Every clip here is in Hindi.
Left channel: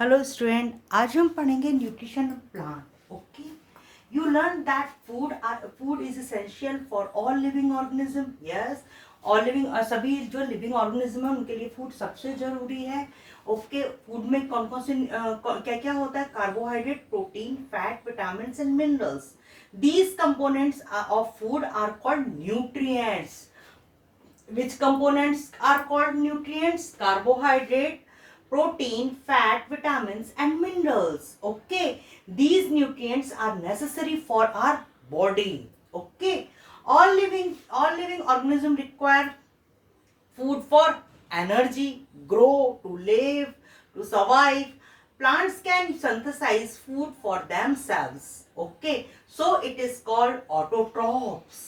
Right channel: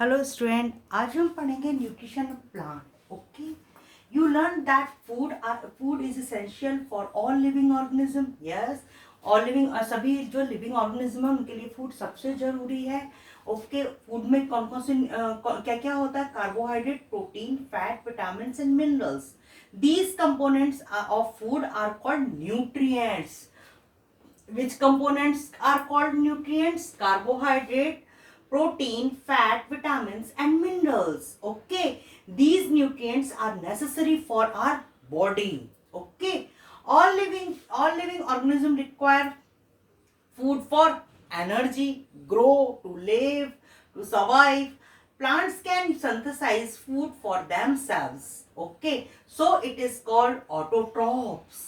हेलो स्टूडेंट, आज हम पढ़ेंगे nutrition plant. Okay, you learn that food is essential for all living organism. Yes, all living, सभी जो लिविंग ऑर्गेनिज्म है उनके लिए फूड सबसे जरूरी है. ओके, फूड में कौन कौन से क्या क्या होता है? Carbohydrate, protein, fat, vitamin and minerals. These components of food are called nutrients. Which components are called nutrients? Carbohydrate, protein, fat, vitamins and minerals. Okay, these nutrients are necessary for our body. Okay, all living organisms require food for energy, grow, to live, to survive. Plants can synthesize food for themselves. Okay, so it is called autotrophs.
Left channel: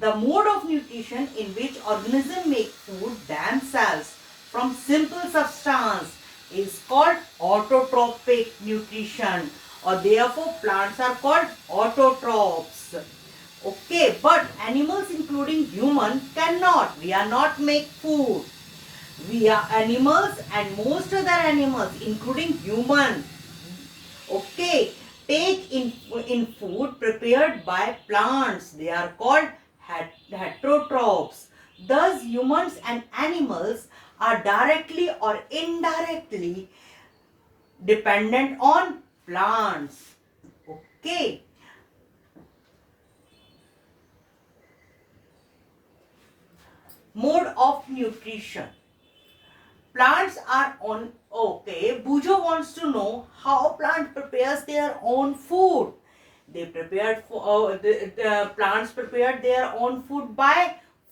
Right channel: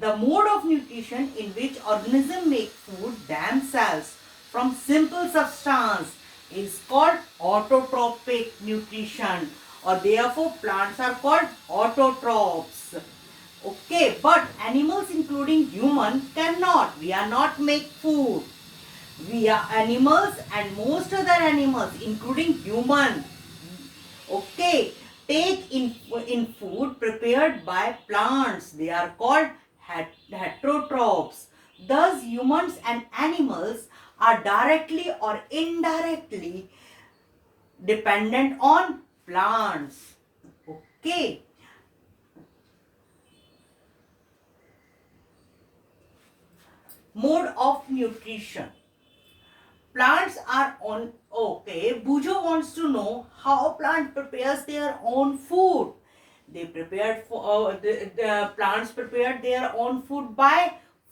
The mode of nutrition in which organisms make food themselves from simple substance is called autotrophic nutrition, or therefore plants are called autotrophs. Okay, but animals including human cannot. We are not make food. We are animals and most other animals including human. Okay, take in food prepared by plants. They are called heterotrophs. Thus humans and animals are directly or indirectly dependent on plants. Okay. Mode of nutrition. Plants are on. Okay, Bujo wants to know how plant prepares their own food. They prepared for the plants prepared their own food by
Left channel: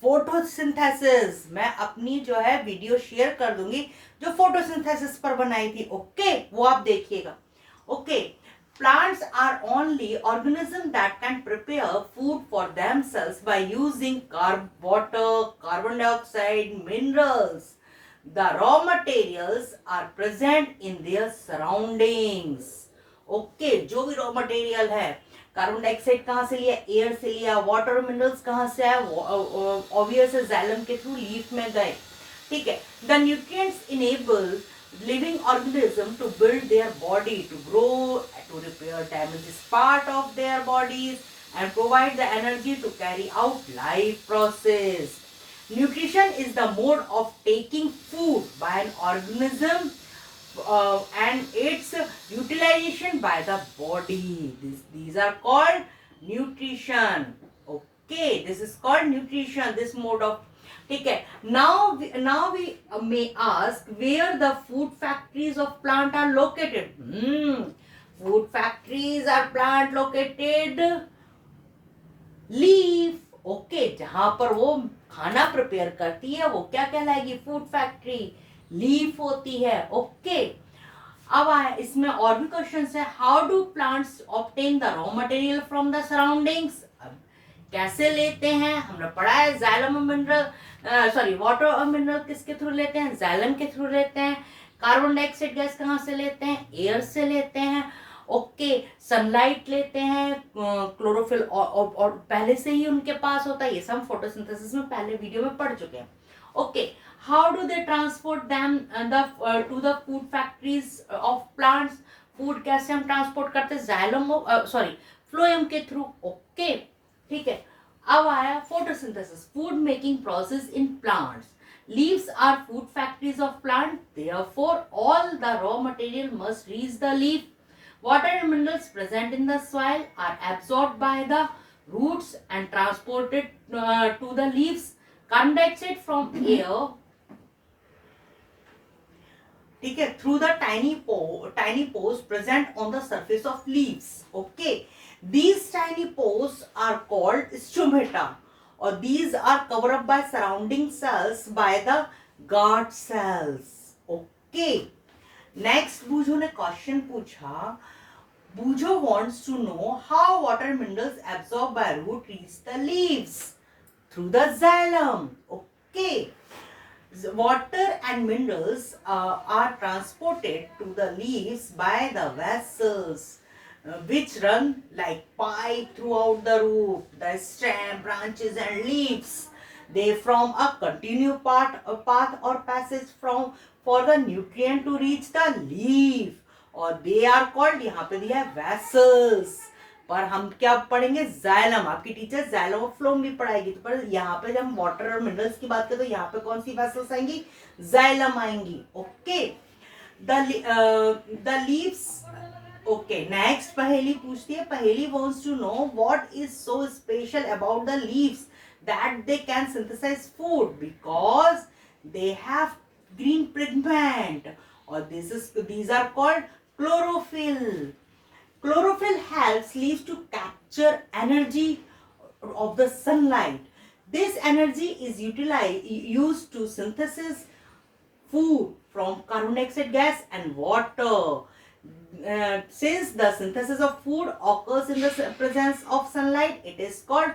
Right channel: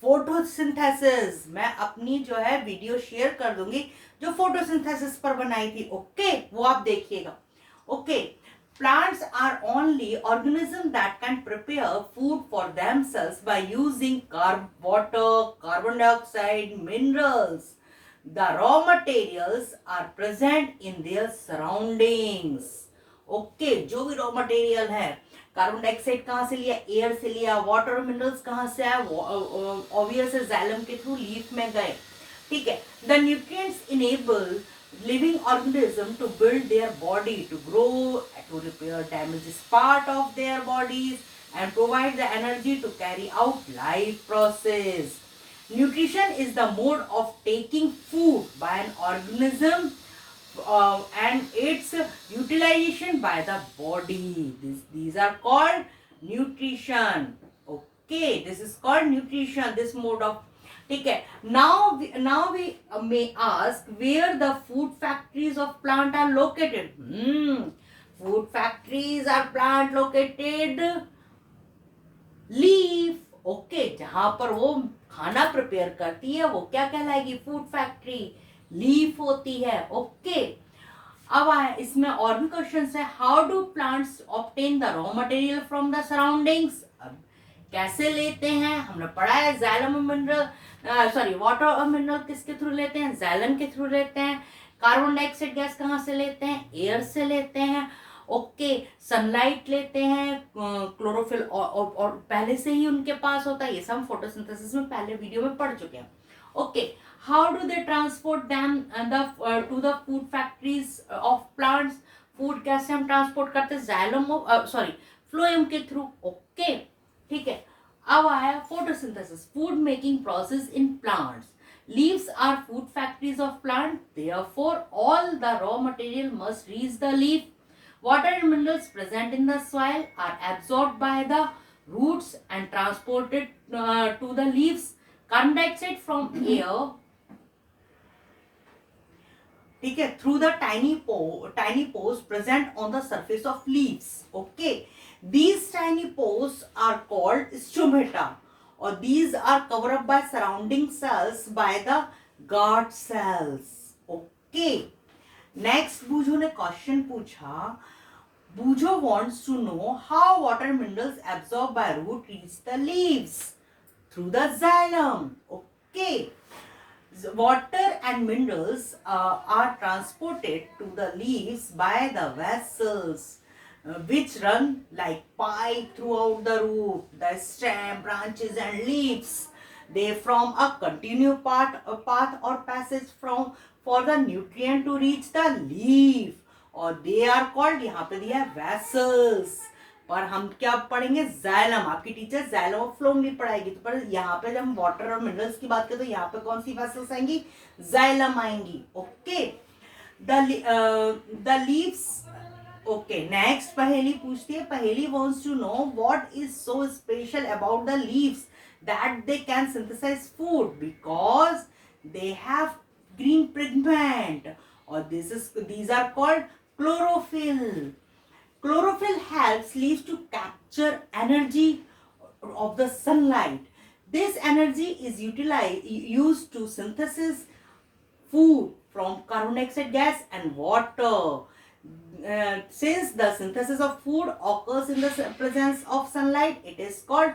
photosynthesis. मैं अपनी जो है वीडियो शेयर कर दूंगी जो फोटोसिंथेसिस पर बनाई थी. ओके, वो आप देखिएगा. Okay, plants are only organisms that can prepare food for themselves by using water, carbon dioxide, minerals. The raw materials are present in their surroundings. Okay, जो भी रॉ मटेरियल है, कार्बन डाइऑक्साइड कहाँ से लिया? एयर से लिया. वाटर मिनरल्स कहाँ से आया? ऑब्वियस है, जाइलम के थ्रू लीफ में गए. ठीक है. The nutrients enable living organism to build their body, to grow, to repair damages part of their bodies and provide the energy to carry out life process. Nutrition is the mode of taking food by an organism and its utilization by the body. These are called nutrition. Okay, this is called nutrition, this mode of. ठीक है. Now we may ask where the food factories of plant are located. Food factories are plant located leaf. Okay, जहां पर वो खाना प्रिपेयर करती है वो क्या कहलाएगी? Food factory. लीफ होती है. ओके, अब आया इसमें और भी क्वेश्चन है. How do plants obtain the raw material from the surroundings? कैसे लेते हैं? हमने पढ़ा है xylem mineral, sorry water mineral किसके थ्रू लेते हैं? जाइलम के थ्रू लेते हैं. कार्बन डाइऑक्साइड गैस कहाँ से लेते हैं? एयर से लेते हैं. ओके, सनलाइट लेते हैं, क्लोरोफिल और पहले से ही उनके पास होता है. ये सब फोटोसिंथेसिस में पहले वीडियो में पढ़ चुके हैं. Okay, how do they transport them to the food factories of plants? Food कैसे हम ट्रांसपोर्ट करते हैं? जाइलम, सॉरी फ्लोएम के थ्रू. ओके, ठीक है. अब आया photosynthesis, food making process in plants. Leaves are food factories of plant. Therefore, all the raw material must reach the leaf. Water and minerals present in the soil are absorbed by the roots and transported to the leaves. Carbon dioxide from air, ठीक है, through the tiny pores present on the surface of leaves. Okay, these tiny pores are called stomata, or these are covered up by surrounding cells by the guard cells. Okay, next बूझो ने क्वेश्चन पूछा. Bujo wants to know how water minerals absorbed by root reach the leaves through the xylem. Okay, water and minerals are transported to the leaves by the vessels which run like pipe throughout the root, the stem, branches and leaves. They form a path or passage for the nutrient to reach the leaf. और दे आर कॉल्ड, यहाँ पे दिया है वैसल्स, पर हम क्या पढ़ेंगे, जाइलम। आपकी टीचर जाइलम और फ्लोम भी पढ़ाएगी, तो पर यहाँ पे जब हम वाटर और मिनरल्स की बात करें तो यहाँ पे कौन सी वैसल्स आएंगी, जाइलम आएंगी। Okay, the leaves. Okay, next पहेली पूछती है। पहेली wants to know what is so special about the leaves that they can synthesize food because they have green pigment, or these are called chlorophyll. Chlorophyll helps leaves to capture energy of the sunlight. This energy is used to synthesis food from carbon dioxide gas and water. Since the synthesis of food occurs in the presence of sunlight, it is called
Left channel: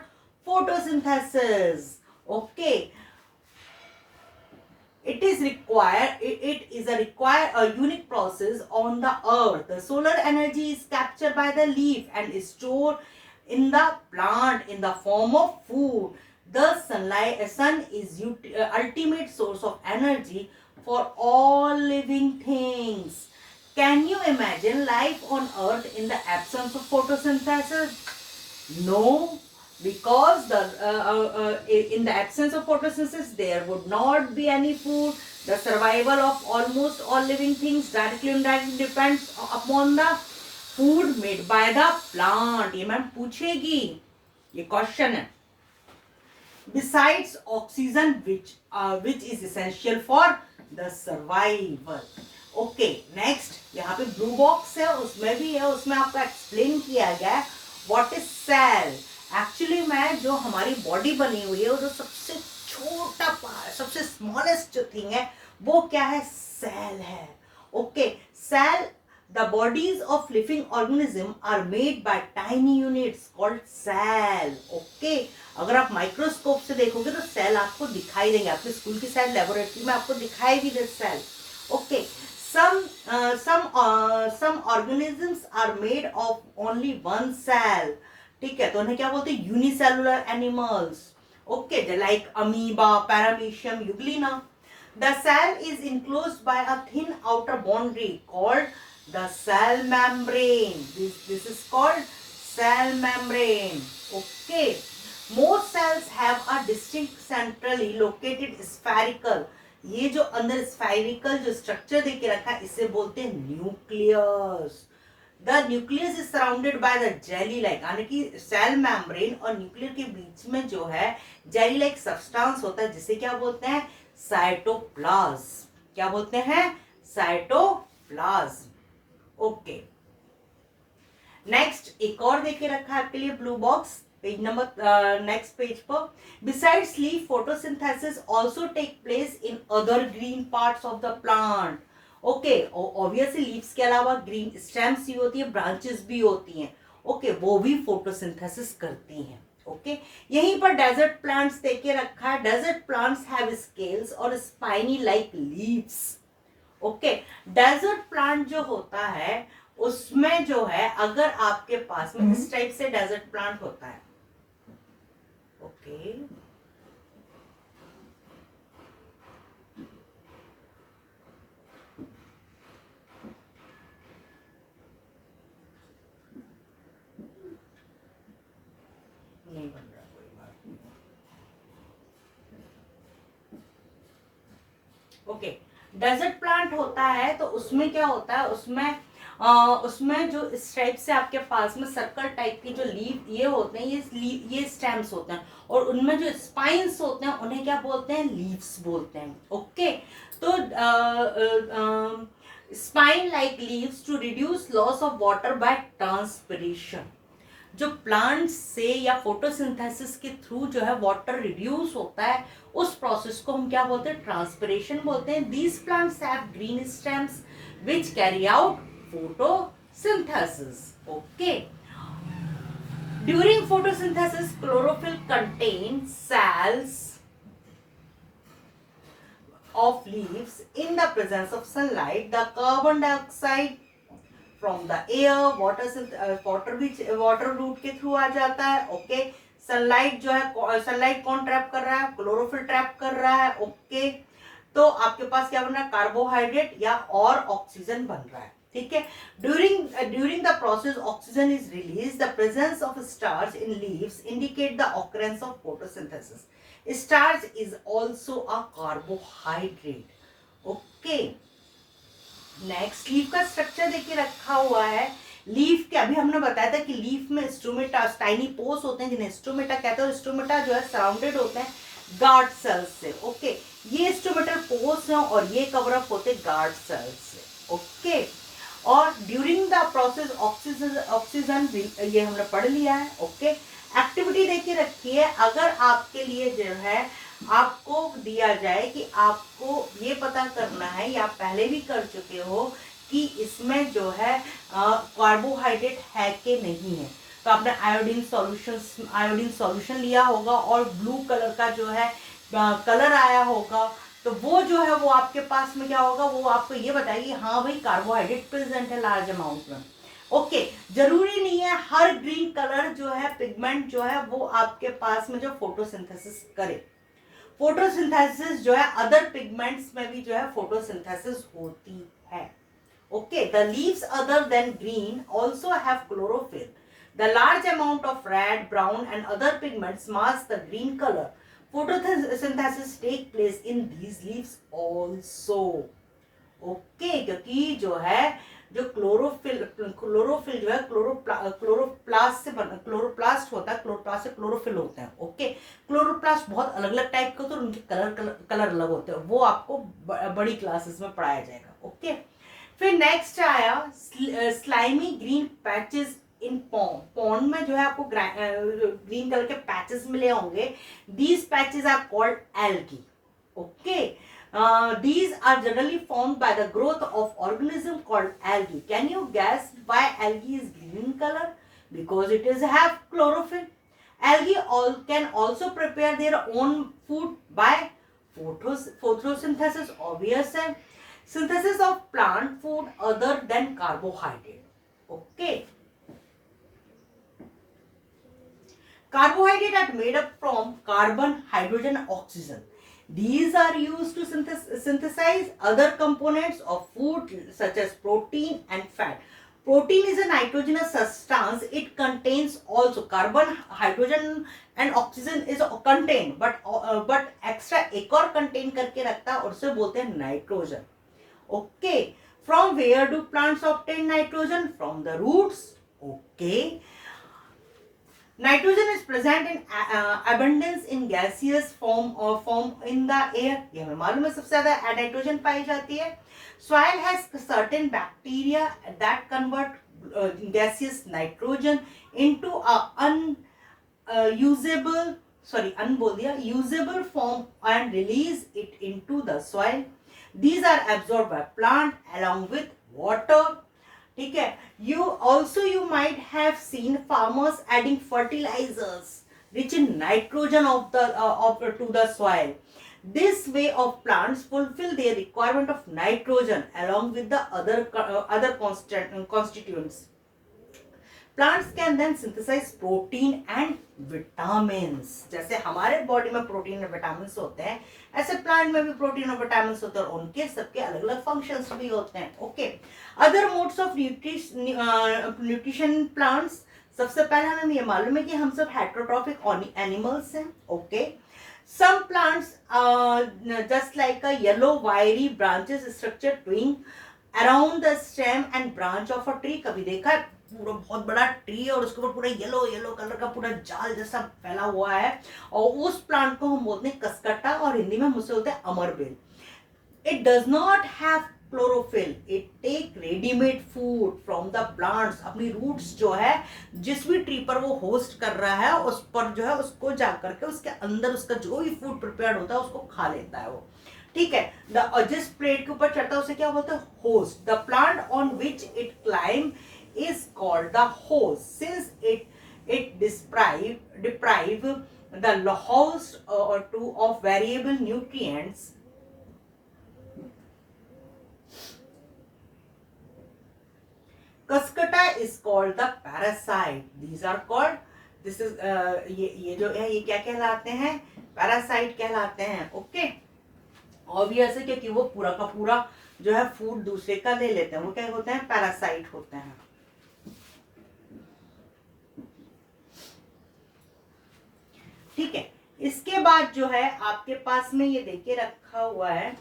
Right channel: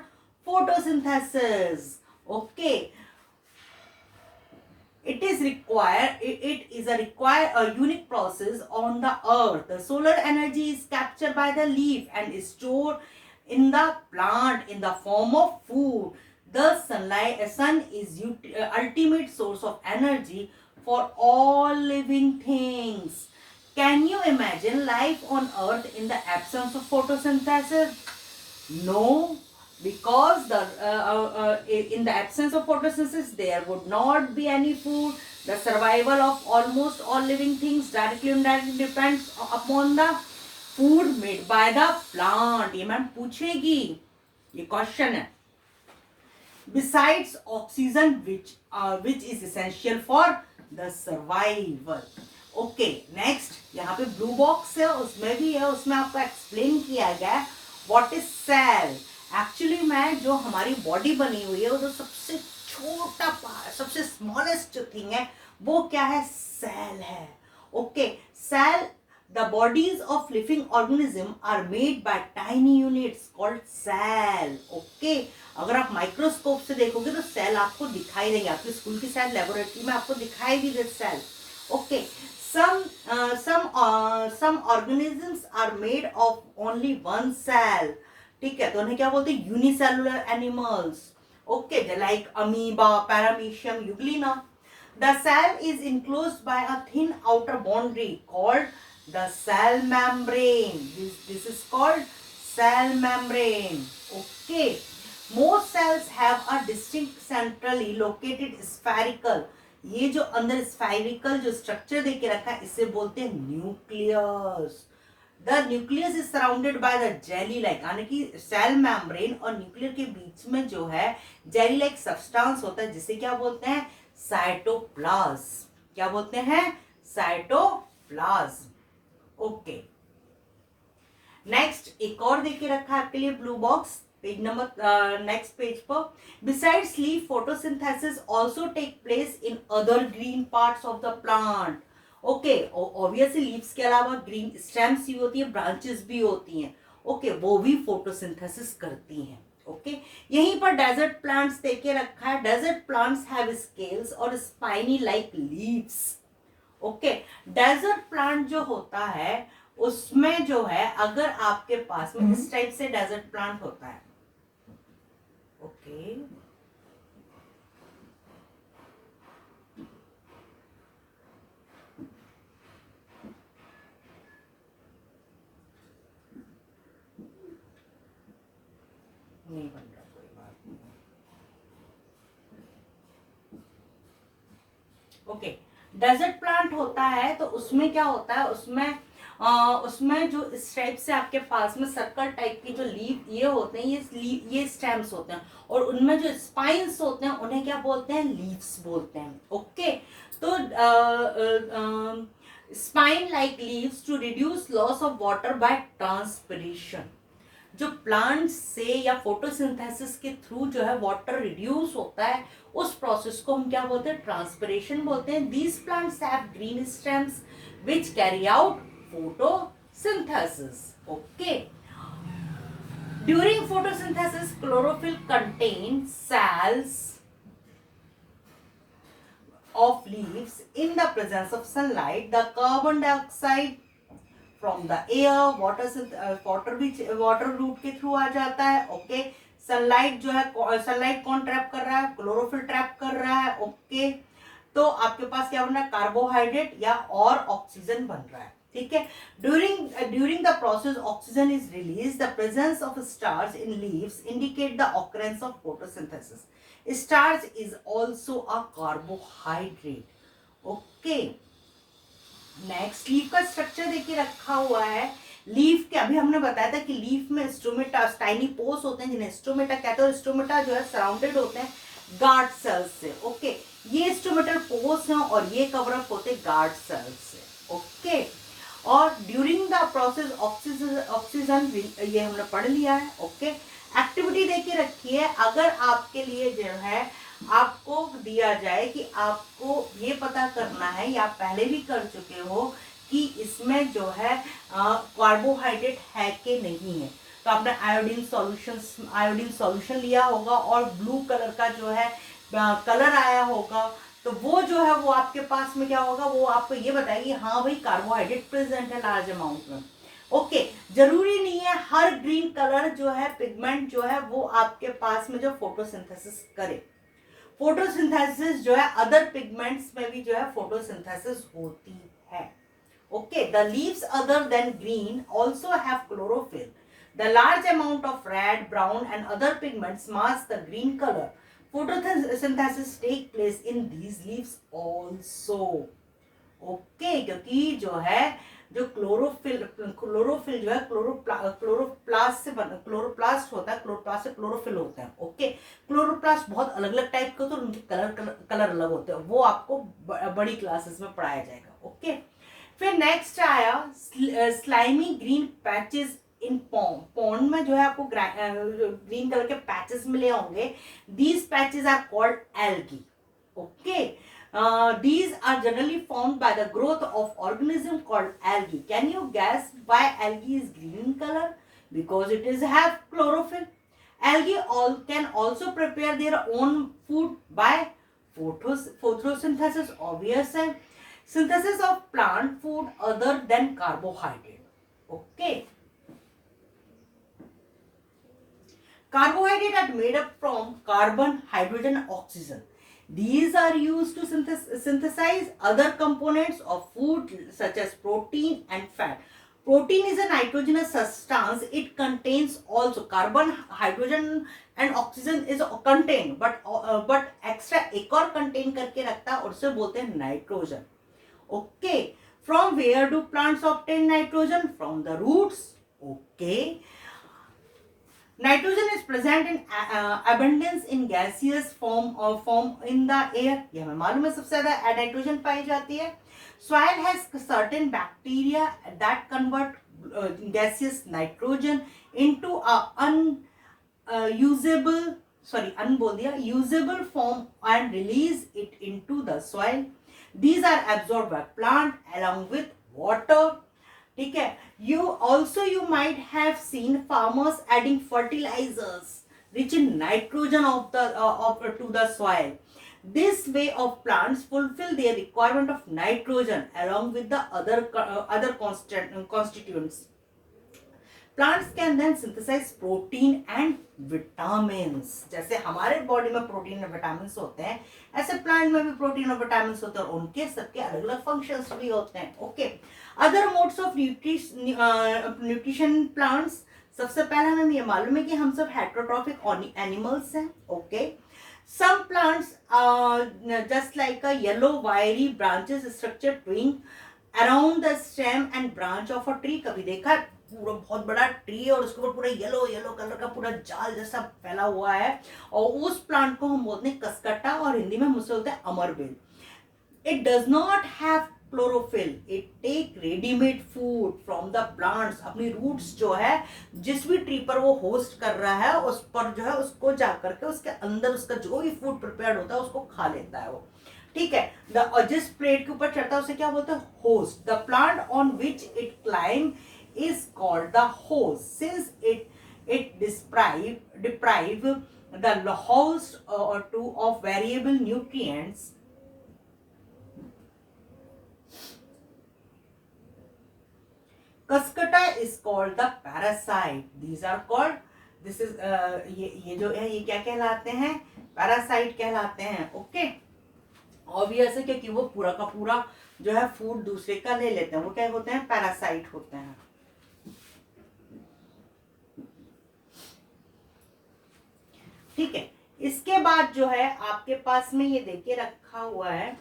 photosynthesis. Okay, it is a unique process on the earth. The solar energy is captured by the leaf and is stored in the plant in the form of food. The sun is ultimate source of energy for all living things. Can you imagine life on earth in the absence of photosynthesis? No, because in the absence of photosynthesis, there would not be any food. The survival of almost all living things directly and indirectly depends upon the food made by the plant. ये मैम पूछेगी, ये क्वेश्चन है. Besides oxygen, which is essential for the survival. Okay, next यहाँ पे ब्लू बॉक्स है, उसमें भी है, उसमें आपको एक्सप्लेन किया गया है व्हाट इज सेल. एक्चुअली में जो हमारी बॉडी बनी हुई है, वो जो सबसे छोटा सबसे स्मॉलेस्ट जो थिंग है, वो क्या है, सेल है. Okay, cell, the bodies of living organism are made by tiny units called cell. Okay, अगर आप माइक्रोस्कोप से देखोगे तो सेल आपको दिखाई देंगे, आपके स्कूल की शायद लेबोरेटरी में आपको दिखाई भी they sell. Okay, some organisms are made of only one cell. ठीक है, तो उन्हें क्या बोलते हैं, unicellular animals. Okay, like amoeba, paramecium, Euglena. The cell is enclosed by a thin outer boundary called the cell membrane. This is called cell membrane. Okay, most cells have a distinct centrally located spherical. ये जो अंदर स्फेरिकल जो स्ट्रक्चर देके रखा है, इसे बोलते हैं nucleus. The nucleus is surrounded by the jelly like, यानी कि सेल मेम्ब्रेन और न्यूक्लियर के बीच में जो है जेली लाइक सब्सटेंस होता है, जिसे क्या बोलते हैं, साइटोप्लाज्म. क्या बोलते हैं, साइटोप्लाज्म. ओके, नेक्स्ट एक और देके रखा है आपके लिए blue box, page number next page पर. Besides leaf, photosynthesis also take place in other green parts of the plant. Okay, obviously leaves के अलावा green stems भी होती है, branches भी होती हैं. Okay, वो भी photosynthesis करती हैं. Okay, यहीं पर desert plants देके रखा है. Desert plants have scales और spiny like leaves. Okay, desert plant जो होता है उसमें जो है, अगर आपके पास में इस टाइप से desert plant होता है. ओके, नहीं बन रहा, कोई बात नहीं. ओके, डेजर्ट प्लांट होता है तो उसमें क्या होता है, उसमें जो इस टाइप से आपके पास में सर्कल टाइप के जो लीफ ये होते हैं, ये स्टेम्स होते हैं, और उनमें जो स्पाइन्स होते हैं उन्हें क्या बोलते हैं, लीव्स बोलते हैं. ओके, तो spine like leaves to reduce loss of water by transpiration. जो प्लांट से या फोटोसिंथेसिस के थ्रू जो है वाटर रिड्यूस होता है, उस प्रोसेस को हम क्या बोलते हैं, ट्रांसपिरेशन बोलते हैं. These plants have green stems which carry out photosynthesis. Okay, during photosynthesis chlorophyll contains cells of leaves. In the presence of sunlight, the carbon dioxide from the air, water route के थ्रू आ जाता है. ओके, सनलाइट जो है, सनलाइट कौन ट्रैप कर रहा है, क्लोरोफिल ट्रैप कर रहा है. ओके, तो आपके पास क्या बन रहा है, कार्बोहाइड्रेट या और ऑक्सीजन बन रहा है. ठीक है. During the process oxygen is released. The presence of starch in leaves indicate the occurrence of photosynthesis. Starch is also a carbohydrate. Okay. Next leaf का स्ट्रक्चर देखिए रखा हुआ है. लीफ के अभी हमने बताया था कि लीफ में स्टोमेटा टाइनी पोर्स होते हैं जिन्हें स्टोमेटा कहते हैं. और स्टोमेटा जो है सराउंडेड होते हैं गार्ड सेल्स से. ओके, ये स्टोमेटल पोर्स हैं और ये कवर अप होते हैं गार्ड सेल्स से. ओके, और ड्यूरिंग द प्रोसेस ऑक्सीजन ये हमने पढ़ लिया है. ओके, एक्टिविटी देखिए रखी है. अगर आपके लिए जो है आपको दिया जाए कि आपको ये पता करना है, या आप पहले भी कर चुके हो कि इसमें जो है कार्बोहाइड्रेट है कि नहीं है, तो आपने आयोडीन सॉल्यूशन लिया होगा और ब्लू कलर का जो है कलर आया होगा, तो वो जो है वो आपके पास में क्या होगा, वो आपको ये बताएगी हाँ भाई कार्बोहाइड्रेट प्रेजेंट है लार्ज अमाउंट में. ओके, जरूरी नहीं है हर ग्रीन कलर जो है पिगमेंट जो है वो आपके पास में जो फोटोसिंथेसिस करे. फोटोसिंथेसिस जो है अदर पिगमेंट्स में भी जो है फोटोसिंथेसिस होती है. Okay, the leaves other than green also have chlorophyll. The large amount of red, brown and other pigments mask the green colour. Photosynthesis take place in these leaves also. Okay, क्योंकि जो है जो क्लोरोफिल जो है क्लोरोप्लास्ट होता है. क्लोरोप्लास्ट से क्लोरोफिल होता है. ओके, क्लोरोप्लास्ट बहुत अलग अलग टाइप के होते हैं और उनके कलर अलग होते हैं. वो आपको बड़ी क्लासेस में पढ़ाया जाएगा. ओके, फिर नेक्स्ट आया स्लाइमी ग्रीन पैचेस इन पॉन्ड में जो है आपको ग्रीन कलर के पैचेस मिले होंगे. These patches are called algae. Okay, these are generally formed by the growth of organism called algae. Can you guess why algae is green in color? Because it is have chlorophyll. Algae can also prepare their own food by photosynthesis. Obvious है. Synthesis of plant food other than carbohydrate. Okay. Carbohydrates are made up from carbon, hydrogen, oxygen. These are used to synthesize other components of food such as protein and fat. Protein is a nitrogenous substance. It contains also carbon, hydrogen and oxygen is contained, but extra एक और contain करके रखता है और उसे बोलते हैं nitrogen. Okay, from where do plants obtain nitrogen? From the roots. Okay. Nitrogen is present in abundance in gaseous form in the air. ये हमें मालूम है सबसे ज्यादा नाइट्रोजन पाई जाती है. Soil has certain bacteria that convert gaseous nitrogen into a usable form and release it into the soil. These are absorbed by plant along with water. ठीक है. You might have seen farmers adding fertilizers rich in nitrogen to the soil. This way of plants fulfill their requirement of nitrogen along with the other constituents. Plants can then synthesize protein and vitamins. जैसे हमारे बॉडी में प्रोटीन और विटामिन होते हैं, ऐसे प्लांट में भी प्रोटीन और विटामिन होते हैं और उनके सबके अलग अलग फंक्शंस भी होते हैं. Okay, other modes of nutrition plants. सबसे पहले हमें ये मालूम है कि हम सब हेटेरोट्रॉफिक एनिमल्स हैं. Okay, some plants just like a yellow wiry branches structure twine around the stem and branch of a tree. कभी देखा पूरा बहुत बड़ा ट्री और उसके ऊपर पूरा येलो कलर का पूरा जाल जैसा फैला हुआ है, और उस प्लांट को हम बोलते हैं कसकट्टा और हिंदी में मुझसे बोलते हैं अमरबेल. It does not have chlorophyll. It take readymade food from the plants. अपनी रूट्स जो है जिस भी ट्री पर वो होस्ट कर रहा है उस पर जो है उसको जा करके उसके अंदर उसका जो भी फूड प्रिपेयर्ड होता है उसको खा लेता है वो. ठीक है. जिस प्लेट के ऊपर चढ़ता है उसे क्या बोलते हैं? Host. The plant on which it climb is called the host, since it deprive the host or two of variable nutrients. Cascata is called the parasite. These are called, this is ये जो है ये क्या कहलाते हैं? पैरासाइट कहलाते हैं. ओके, ऑब्वियस है क्योंकि वो पूरा का पूरा जो है फूड दूसरे का ले लेते हैं, वो क्या होते हैं, पैरासाइट होते हैं। ठीक है, इसके बाद जो है आपके पास में ये देखिए रखा हुआ है,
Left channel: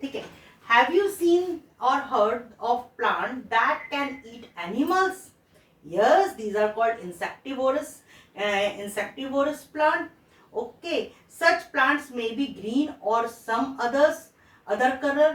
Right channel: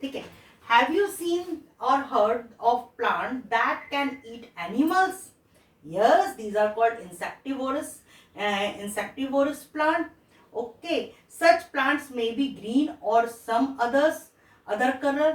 ठीक है, हैव यू सीन और heard of plant that can eat animals? Yes, these are called insectivorous plant. Okay, such plants may be green or some other color.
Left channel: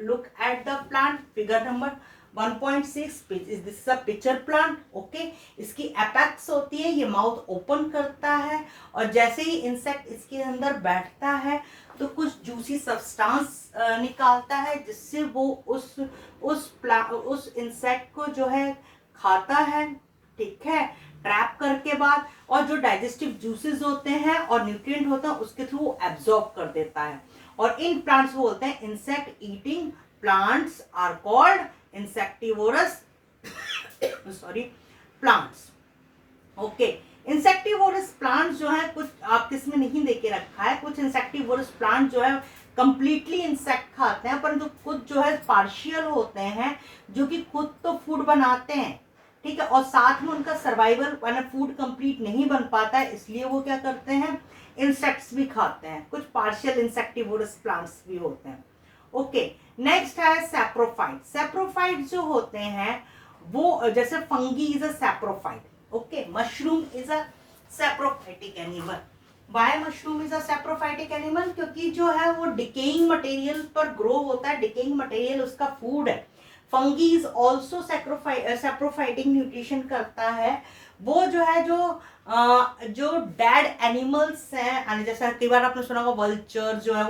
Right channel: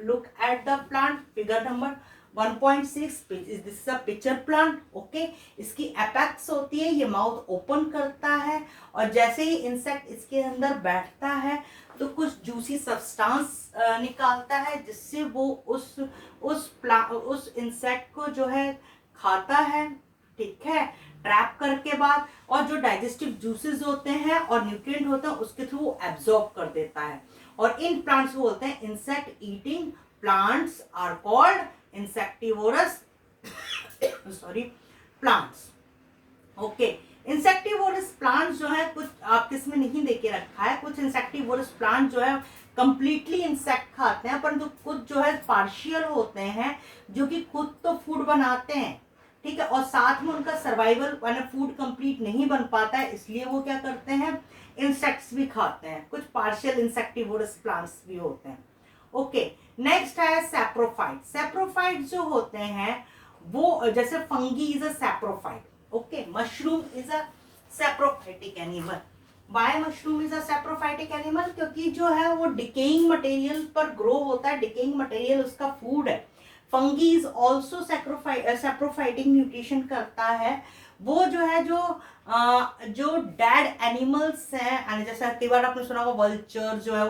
Look at the plant, figure number 1.6. This is a pitcher plant. Okay, इसकी apex होती है, ये माउथ ओपन करता है और जैसे ही इंसेक्ट इसके अंदर बैठता है तो कुछ जूसी सब्सटेंस निकालता है जिससे वो उस इंसेक्ट को जो है खाता है, ठीक है, ट्रैप करके बाद, और जो डाइजेस्टिव जूसेस होते हैं और न्यूट्रिएंट होते हैं उसके थ्रू वो एब्जॉर्ब कर देता है। और इन प्लांट्स को बोलते हैं insect eating plants, are called insectivorous sorry plants. Okay, insectivorous plants जो है कुछ आपके इसमें नहीं देके रखा है, कुछ इंसेक्टिवोरस प्लांट जो है कंप्लीटली इंसेक्ट खाते हैं, परंतु कुछ जो है पार्शियल होते हैं जो कि खुद तो फूड बनाते हैं, ठीक है, और साथ में उनका सर्वाइवल यानी फूड कंप्लीट नहीं बन पाता है, इसलिए वो क्या करते हैं, इंसेक्ट्स भी खाते हैं। कुछ पार्शियल इंसेक्टिवोरस प्लांट्स भी होते हैं। ओके, नेक्स्ट है सैप्रोफाइट। सैप्रोफाइट जो होते हैं वो जैसे fungi is a saprophyte, okay, mushroom is a saprophytic animal. Why mushroom is a saprophytic animal? क्योंकि जो है वो डिकेइंग मटेरियल पर ग्रो होता है, डिकेइंग मटेरियल उसका फूड है। Fungi is also saprophytic nutrition करता है। वो जो है जो डेड एनिमल्स हैं, जैसा कई बार आपने सुना होगा वल्चर जो है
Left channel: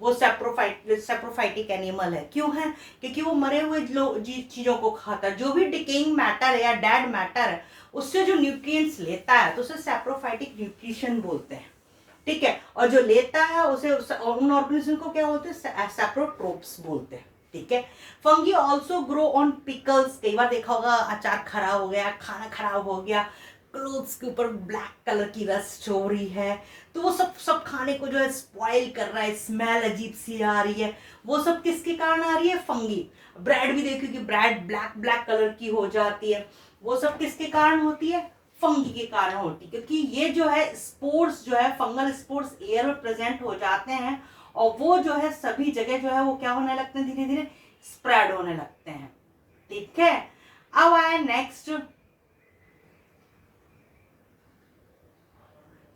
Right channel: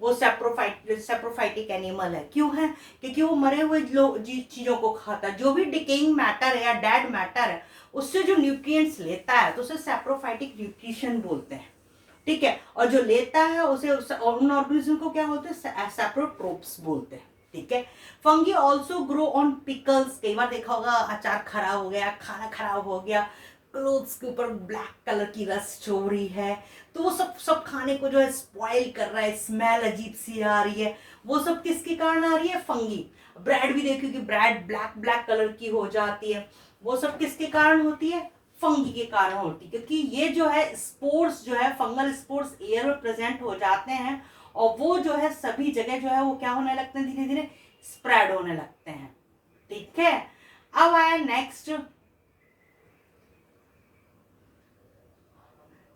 वो सैप्रोफाइटिक एनिमल है। क्यों है? क्योंकि वो मरे हुए चीजों को खाता है, जो भी डिकेइंग मैटर है या डेड मैटर है उससे जो न्यूट्रिएंट्स लेता है तो उसे सैप्रोफाइटिक न्यूट्रिशन बोलते हैं, ठीक है, और जो लेता है उसे उन ऑर्गेनिज्म को क्या बोलते हैं, सैप्रोट्रोप्स बोलते हैं, ठीक है। Fungi also grow on pickles. कई बार देखा होगा अचार खराब हो गया, खाना खराब हो गया, क्लोथ्स के ऊपर ब्लैक कलर की रस्ट हो रही है, तो वो सब खाने को जो है स्पॉइल कर रहा है, स्मेल अजीब सी आ रही है, वो सब किसके कारण आ रही है, फंगी। ब्रेड भी देखिए कि ब्रेड ब्लैक कलर की हो जाती है, वो सब किसके कारण होती है, फंगी के कारण होती है, क्योंकि ये जो है स्पोर्स जो है फंगल स्पोर्स एयर में प्रेजेंट हो जाते हैं और वो जो है सभी जगह जो है वो क्या होने लगते हैं, धीरे धीरे स्प्रेड होने लगते हैं, ठीक है। अब आए नेक्स्ट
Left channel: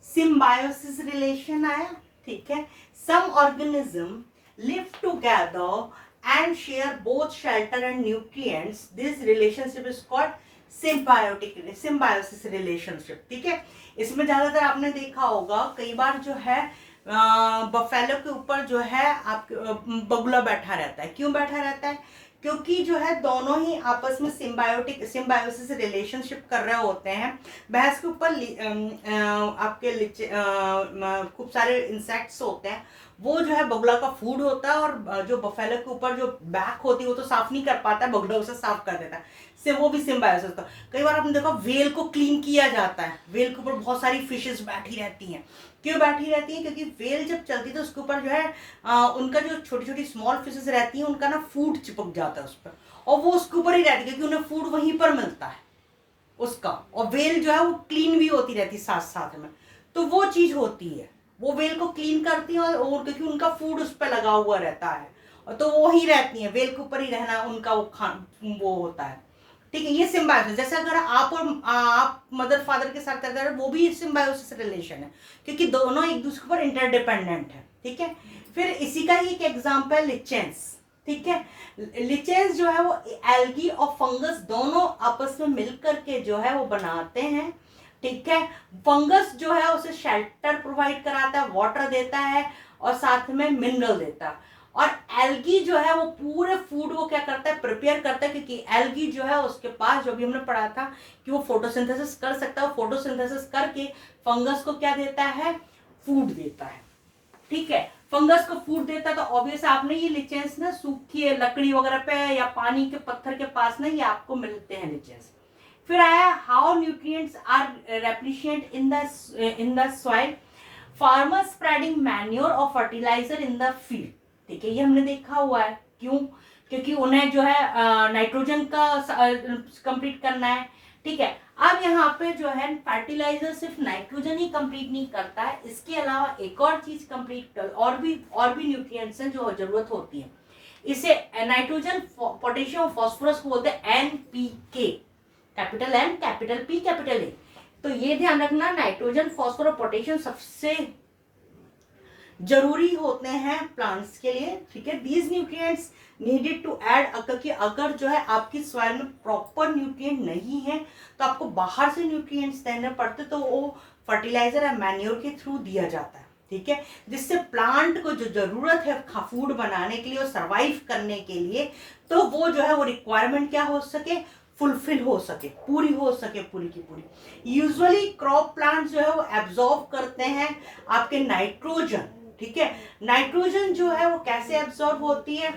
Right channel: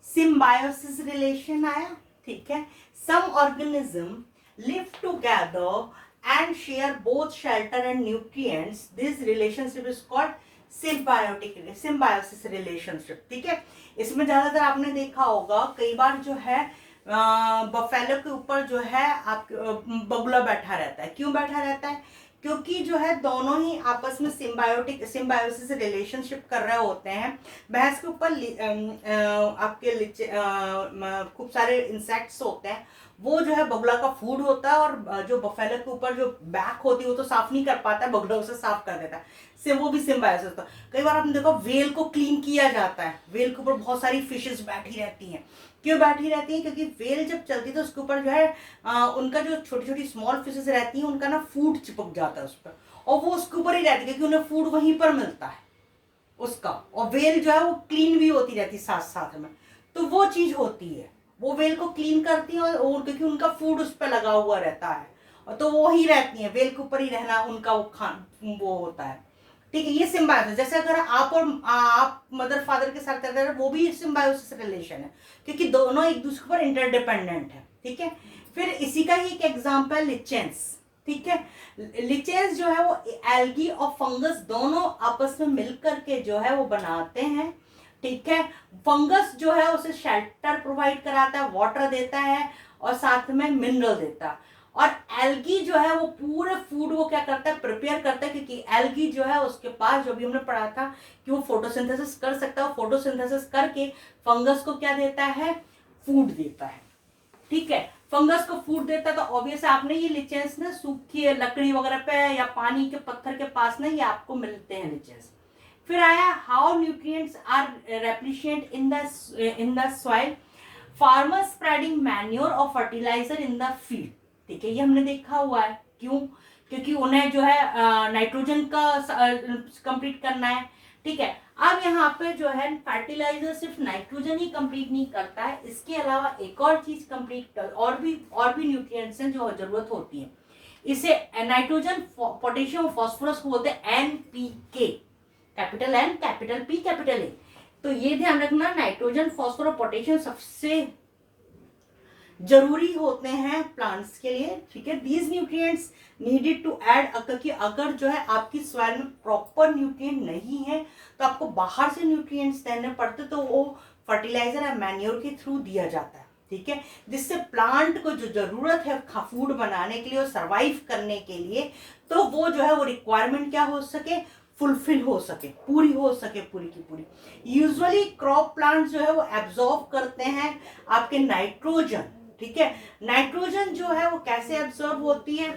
सिम्बायोसिस रिलेशन आया, ठीक है। Some organism live together and share both shelter and nutrients, this relationship is called symbiosis relationship, ठीक है। इसमें ज्यादातर आपने देखा होगा कई बार जो है बफेलो के ऊपर जो है आप बगुला बैठा रहता है। क्यों बैठा रहता है? क्योंकि जो है दोनों ही आपस में सिम्बायोसिस रिलेशनशिप कर रहे होते हैं। भैंस के ऊपर आपके खूब सारे इंसेक्ट्स होते हैं, वो जो है बगुला का फूड होता है, और जो बफेलो के ऊपर जो बैक होती है वो तो साफ नहीं कर पाता है, बगुला उसे साफ कर देता है, से वो भी सिम्बायोसिस का। कई बार आपने देखा वेल को क्लीन किया जाता है, वेल के ऊपर बहुत सारी फिशेस बैठी रहती हैं। क्यों बैठी रहती है? क्योंकि वेल जब चलती है तो उसके ऊपर जो है उनका जो छोटी छोटी स्मॉल फिशेस रहती हैं उनका ना फूड चिपक जाता है उस पर, और वो उसके ऊपर ही रहती है क्योंकि उन्हें फूड वहीं पर मिलता है उसका, और वेल जो है वो क्लीन भी होती रहती है साथ साथ में, तो वो चीज होती है, वो वेल को क्लीन करती है और क्योंकि उनका फूड उस पर लगा हुआ रहता है, और तो वो ही रहती है, वेल के ऊपर ही रहना उनका वो होता है, ठीक है। ये सिम्बायोसिस, जैसे अगर आप मदर फादर के साथ रहते हैं वो भी सिम्बायोसिस रिलेशन है, क्योंकि दोनों एक दूसरे पर इंटरडिपेंडेंट है, ठीक है। फिर इसी का ही एक एग्जांपल लिचेंस, ठीक है। लिचेंस जो है वो एल्गी और फंगस दोनों आपस में मिलकर के जो है वो बनाते हैं, ठीक है। फंगस जो है उसे शेल्टर प्रोवाइड कराता है, वाटर देता है और साथ में मिनरल देता है, और एल्गी जो है वो पूरे फूड को क्या करता है, प्रिपेयर करता है, क्योंकि एल्गी जो है उसके पास जो भी हमने पढ़ा था कि वो फोटोसिंथेसिस कर सकता है, फोटोसिंथेसिस करके फंगस को क्या देता है, फूड देता है, ठीक है। फंगस को फूड देता है तो ऑब्वियस आपने ये लिचेंस ना सूखी लकड़ी वगैरह पे या पानी के पत्थर के पास ना ये आपको मिलते हैं लिचेंस। फिर आया how nutrients are replenished in the soil. Farmer spreading manure और फर्टिलाइजर इन द फील्ड, ठीक है, ये हमने देखा हुआ है। क्यों? क्योंकि उन्हें जो है नाइट्रोजन का कंप्लीट करना है, ठीक है। अब यहाँ पे जो है फर्टिलाइजर सिर्फ नाइट्रोजन ही कंप्लीट नहीं करता है, इसके अलावा एक और चीज कंप्लीट कर, और भी न्यूट्रिएंट्स हैं जो जरूरत होती है। इसे नाइट्रोजन, पोटेशियम, फास्फोरस को बोलते हैं NPK, capital N, capital P, capital A. तो ये ध्यान रखना, नाइट्रोजन, फास्फोरस, पोटेशियम सबसे जरूरी होते हैं प्लांट्स के लिए, ठीक है। These nutrients needed to add, क्योंकि अगर जो है आपकी सॉइल में प्रॉपर न्यूट्रिएंट नहीं है तो आपको बाहर से न्यूट्रिएंट्स देने पड़ते, तो वो फर्टिलाइजर या मैन्योर के थ्रू दिया जाता है, ठीक है, जिससे प्लांट को जो जरूरत है फूड बनाने के लिए और सर्वाइव करने के लिए, तो वो जो है वो रिक्वायरमेंट क्या हो सके, फुलफिल हो सके, पूरी हो सके, पूरी की पूरी। यूजुअली क्रॉप प्लांट्स जो है वो एब्जॉर्ब करते हैं आपके नाइट्रोजन, ठीक है। नाइट्रोजन जो है वो कैसे एब्जॉर्ब होती है,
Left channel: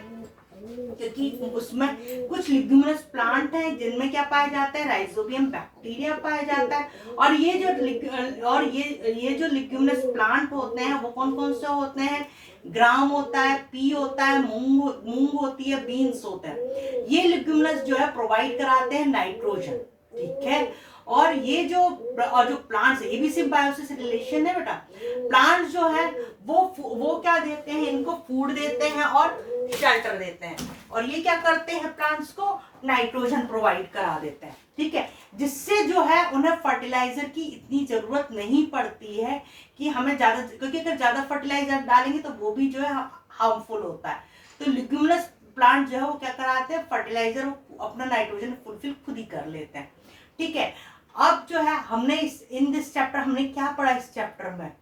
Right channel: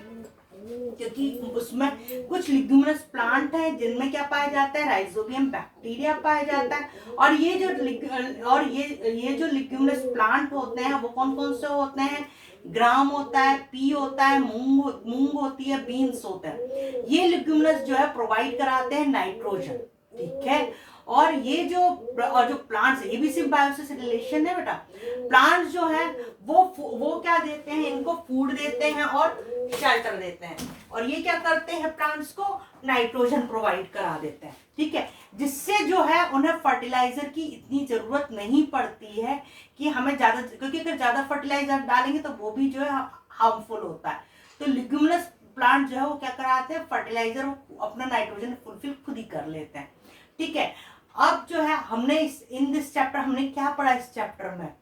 क्योंकि उसमें कुछ लिग्यूमिनस प्लांट हैं जिनमें क्या पाया जाता है, राइजोबियम बैक्टीरिया पाया जाता है। और ये जो लिग्यूमिनस प्लांट होते हैं वो कौन कौन से होते हैं, ग्राम होता है, पी होता है, मूंग होती है, बीन्स होता है। ये लिग्यूमिनस जो है प्रोवाइड कराते हैं नाइट्रोजन, ठीक है। और ये जो प्लांट्स है, ये भी सिर्फ बायोसिस रिलेशन है बेटा। प्लांट्स जो है वो क्या देते हैं, इनको फूड देते हैं और शेल्टर देते हैं, और ये क्या करते हैं, प्लांट्स को नाइट्रोजन प्रोवाइड करा देते हैं, ठीक है, जिससे जो है उन्हें फर्टिलाइजर की इतनी जरूरत नहीं पड़ती है कि हमें ज्यादा, क्योंकि अगर ज्यादा फर्टिलाइजर डालेंगे तो वो भी जो है हार्मफुल होता है। तो लिग्यूमिनस प्लांट जो है वो क्या कराते हैं, फर्टिलाइजर अपना नाइट्रोजन फुलफिल खुद ही कर लेते हैं, ठीक है। अब जो है हमने इन दिस चैप्टर हमने क्या पढ़ा, इस चैप्टर में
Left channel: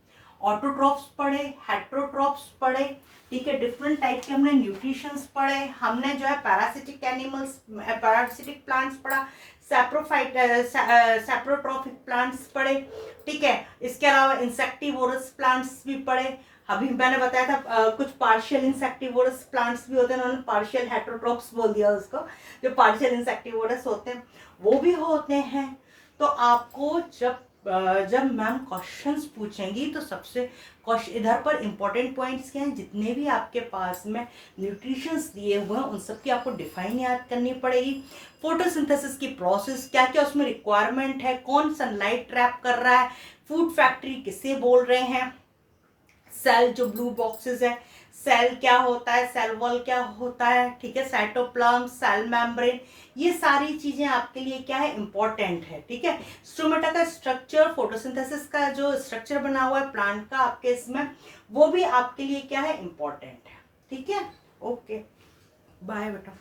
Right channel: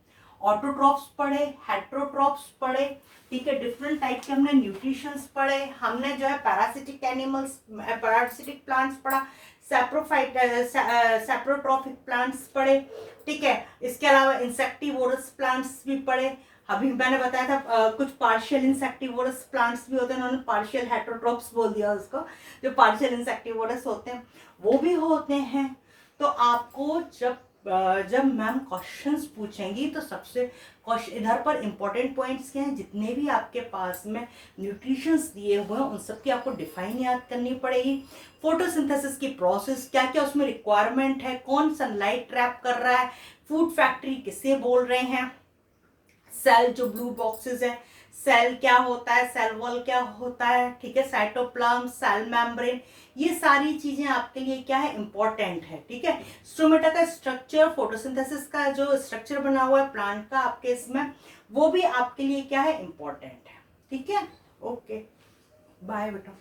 ऑटोट्रॉप्स पढ़े, हेट्रोट्रॉप्स पढ़े, ठीक है, डिफरेंट टाइप के हमने न्यूट्रिशंस पढ़े, हमने जो है पैरासिटिक एनिमल्स, पैरासिटिक प्लांट्स पढ़ा, सैप्रोट्रॉपिक प्लांट्स पढ़े, ठीक है। इसके अलावा इंसेक्टिवोरस प्लांट्स भी पढ़े। अभी मैंने बताया था कुछ पार्शियल इंसेक्टिवोरस प्लांट्स भी होते हैं, उन्होंने पार्शियल हेट्रोट्रॉप्स बोल दिया उसको, जो पार्शियल इंसेक्टिवोरस होते हैं वो भी होते हैं। तो आपको जब मैम क्वेश्चंस पूछेंगी तो सबसे इधर पर इंपॉर्टेंट पॉइंट्स क्या हैं, जितने भी आपके पास में न्यूट्रिशंस दिए हुए हैं उन सब की आपको डिफाइन याद करनी पड़ेगी। फोटोसिंथेसिस की प्रोसेस क्या क्या उसमें रिक्वायरमेंट है, कौन सनलाइट ट्रैप कर रहा है, फूड फैक्ट्री किसे बोल रहे हैं, सेल जो ब्लू बॉक्सेस है, सेल क्या होता है, सेल वॉल क्या होता है, ठीक है, साइटोप्लाज्म, सेल मेम्ब्रेन, ये सारी चीजें आपके लिए क्या है, इंपॉर्टेंट है, ठीक है। स्टोमेटा का स्ट्रक्चर, फोटोसिंथेसिस का जो स्ट्रक्चर बना हुआ है प्लांट का आपके इसमें, वो भी आपके लिए क्या है, इंपॉर्टेंट है, ठीक है। ओके, बाय बेटा।